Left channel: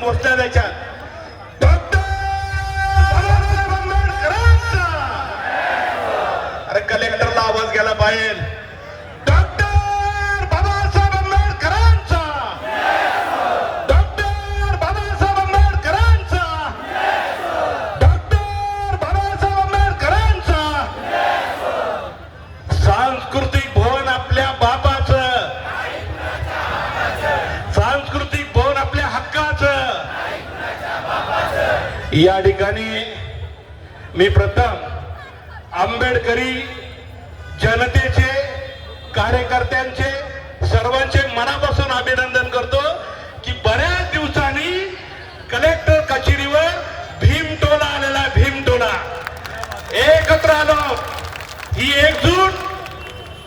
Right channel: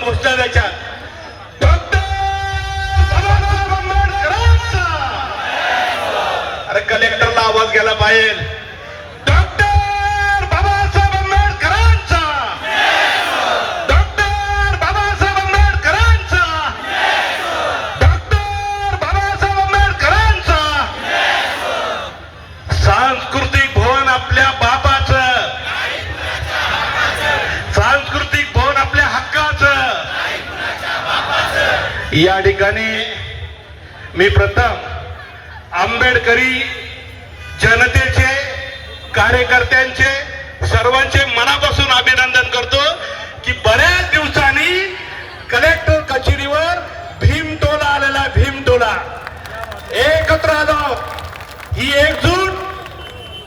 दोन घोषणा अरे कलेक्टरला आवाज गेला पाहिजे या ठिकाणी मी प्रथम आंबेडकरी जनतेचे कार्यकर्त्यांचे सर्वांचे मनापासून अभिनंदन करतो की बऱ्याच दिवसांनी कलेक्टर कचेरीवर भीमटोला आलेला भीमटोला एकत्र आलो. ही एकजूट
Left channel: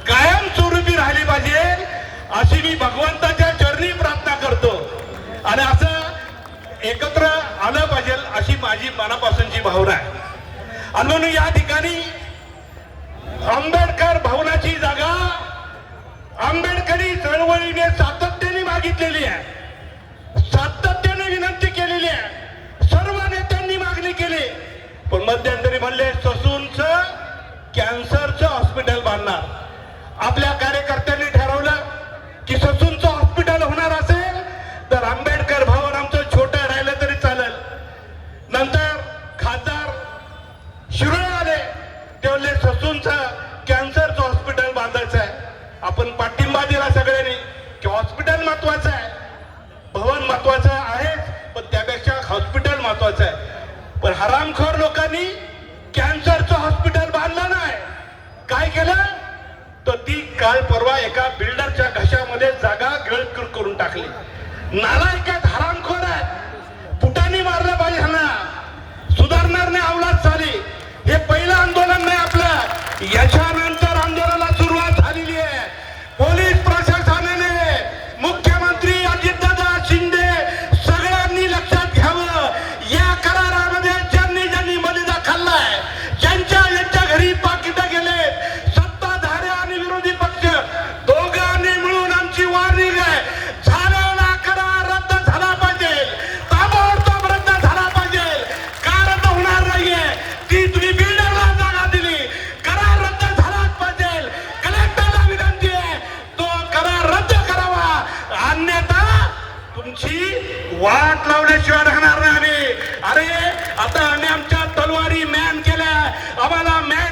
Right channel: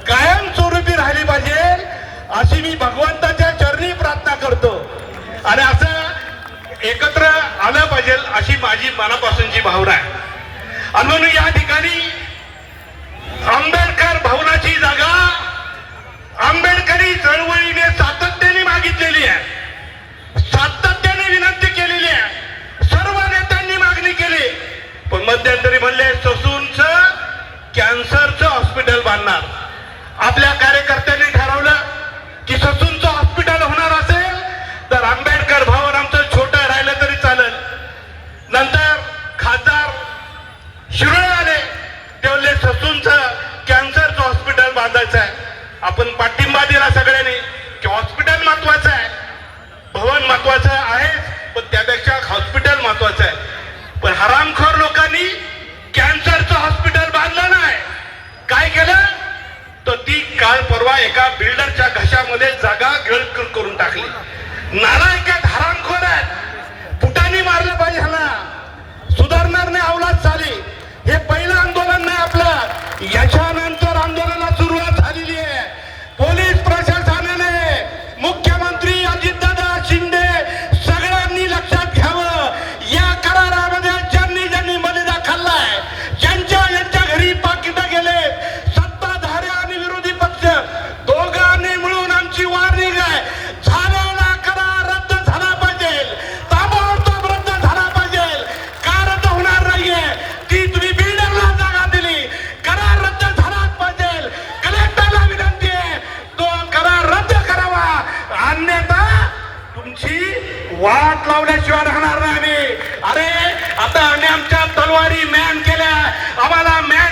कायमस्वरूपी राहिली पाहिजे अशी मी भगवंता चरणी प्रार्थना करतो आणि असं एकत्र आलं पाहिजे अशी माझी मनापासूनची भावना आहे. आणि म्हणून या ठिकाणी आंबेडकर भवनाची जागा आंबेडकरी चळवळीने सातत्याने मागितलेली आहे. सातत्याने विनंती केलेली आहे. सर्व नेत्यांनी मागणी केली. पण मध्यंतरी म्हणले ससूनच कॅन्सरचं हॉस्पिटल बांधणार. आपल्या आपण पाठिंबा दिला सगळ्यांनी की हॉस्पिटल महत्वाचं आहे. भवन महत्वाचं आहेच पण त्यापेक्षा हॉस्पिटल महत्वाचं आहे. पण हरामखोर लोकांनी कॅन्सरचं हॉस्पिटल बांधलं नाही. काय केलं? तर ती काल परवा एका बिल्डरच्या घशामध्ये जागा गळ करून टाकली. नालायकात हराम तुमची वाट लावल्याशिवाय राहणार नाही आम्ही. अरे आता आम्ही आमच्या तलवारी मॅन केल्या. आम्हाला मॅन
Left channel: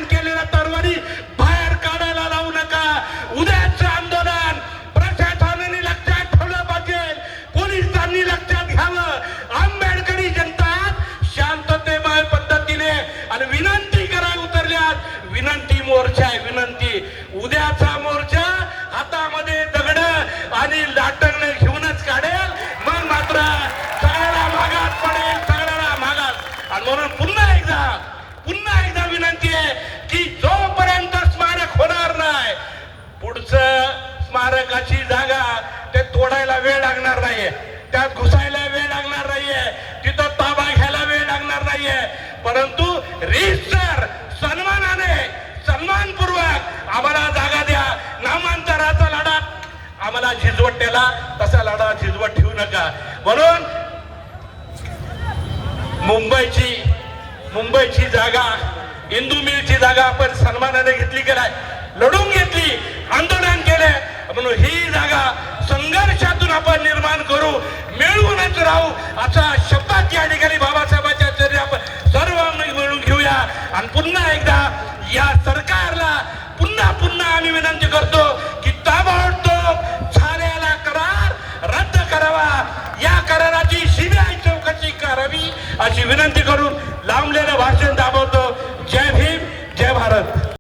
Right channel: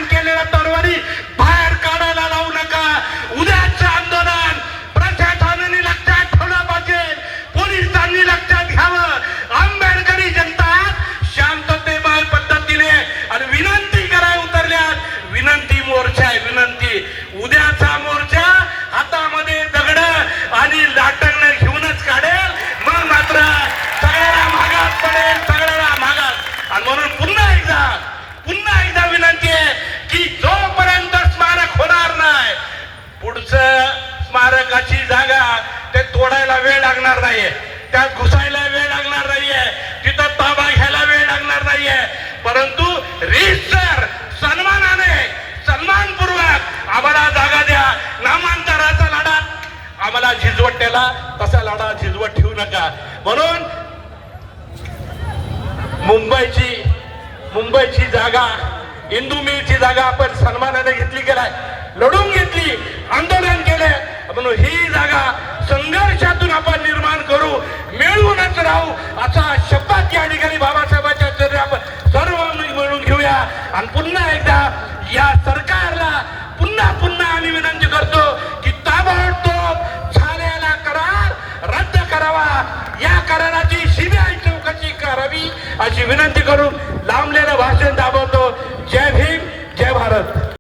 स्मारकाची जागा ते तोडायला वेळ लागणार नाहीये. त्यात घुसायला वेळ लागणार नाहीये. तिथं ताबा घ्यायला वेळ लागणार नाहीये. परंतु रिसर सन्मानाने सन्मानपूर्वक आम्हाला जागा द्या. नामांतराचा लढा. आम्हाला झिजवट झिजवटेला तसा लढा झिजवट ठेवू नका. म्हणून मुंबईची मुंबईची जागा इंदू मिलची जागा आपण सन्मानाने घेतली की नाही लढून घेतली आंदोलन केलं. म्हणून ही जागा संघर्षातून आपण निर्माण करू मिळवूनच राहू असा शब्दात या ठिकाणी बाबासाहेबांच्या चरणी आपण सर्व मिळून घेऊया. आणि पुन्हा एकदा या सरकारला पुन्हा पुन्हा आम्ही विनंती करतो की ताबडतोब झालेला करार रद्द करावा. या कराराची सीबीआय चौकशी करावी अशी विनंती करून लांबलेलं भाषण दाबळतो जय भीम जय भारत.